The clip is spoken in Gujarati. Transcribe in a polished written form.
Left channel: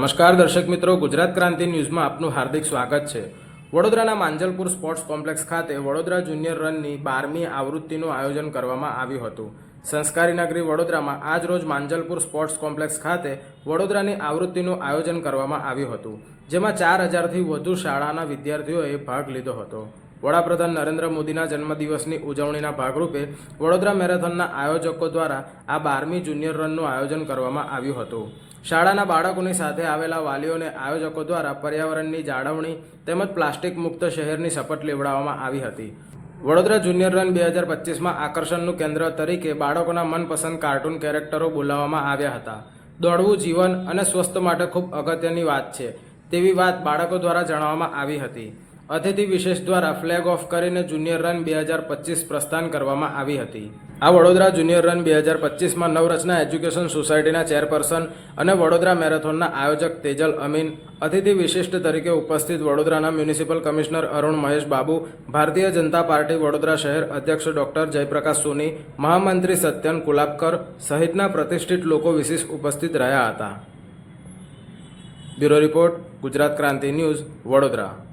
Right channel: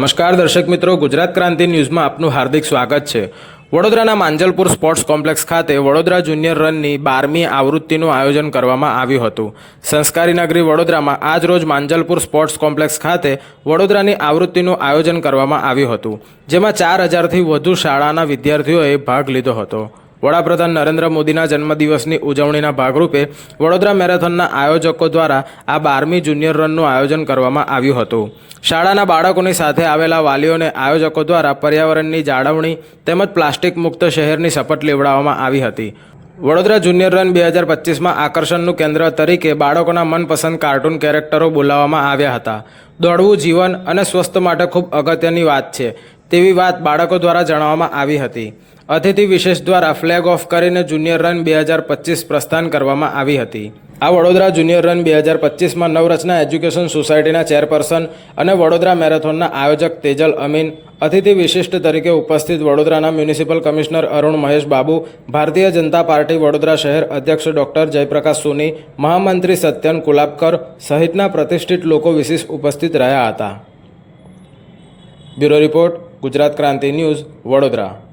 નમસ્કાર દર્શક મિત્રો, ગુજરાત ક્રાંતિ ન્યૂઝમાં આપનું હાર્દિક સ્વાગત છે। વડોદરાના માંજલપુર સ્પોર્ટ્સ કોમ્પ્લેક્સ ખાતે વડોદરા જુનિયર રનની 12મી આવૃત્તિનું આયોજન કરવામાં આવ્યું હતું। સંસ્કારી નગરી વડોદરામાં આજ રોજ માંજલપુર સ્પોર્ટ્સ કોમ્પ્લેક્સ ખાતે વડોદરાની આવૃત્તિનું આયોજન કરવામાં આવ્યું હતું, જેમાં 4000થી વધુ શાળાના વિદ્યાર્થીઓએ ભાગ લીધો હતો। વડાપ્રધાન નરેન્દ્ર મોદીના જન્મદિવસની ઉજવણીના ભાગરૂપે વડોદરા મેરેથોનના આયોજકો દ્વારા આ 12મી જુનિયર રનનું આયોજન કરવામાં આવ્યું હતું। શાળાના બાળકોની સાથે આવેલા વાલીઓને આયોજકો દ્વારા પર્યાવરણની જાળવણી તેમજ પ્લાસ્ટિક મુક્ત શહેરની શપથ લેવડાવવામાં આવી હતી। વડોદરા જુનિયર રન 2025માં આકર્ષણનું કેન્દ્ર તરીકે બાળકોના મનપસંદ કાર્ટૂન કેરેક્ટરો બોલાવવામાં આવ્યા હતા। દોડવું જીવન અને સ્વસ્થ માટે ખૂબ અગત્યની વાત છે તેવી વાત બાળકો દ્વારા જણાવવામાં આવી હતી। અતિથિ વિશેષ દ્વારા ફ્લેગ ઓફ કરીને જુનિયર રન 2025 પ્રસ્થાન કરવામાં આવી હતી। આ વડોદરા જુનિયર રન 2025માં નવરચના એજ્યુકેશન સોસાયટીના ચેરપર્સન અને વડોદરા મેરેથોનના આયોજક તેજલ અમીન, અતિથિ વિશિષ્ટ તરીકે ઉપસ્થિત વડોદરાના municipal commissioner Arun Mahesh Babu, Bharatiya Janata party Vadodara શહેર અધ્યક્ષ ડોક્ટર જયપ્રકાશ સોની, મહામંત્રી સત્યન કુલાબકર સહિતના પ્રતિષ્ઠિત લોકો વિશેષ ઉપસ્થિત રહ્યા હતા। બ્યુરો રિપોર્ટ, ગુજરાત ક્રાંતિ ન્યૂઝ, વડોદરા।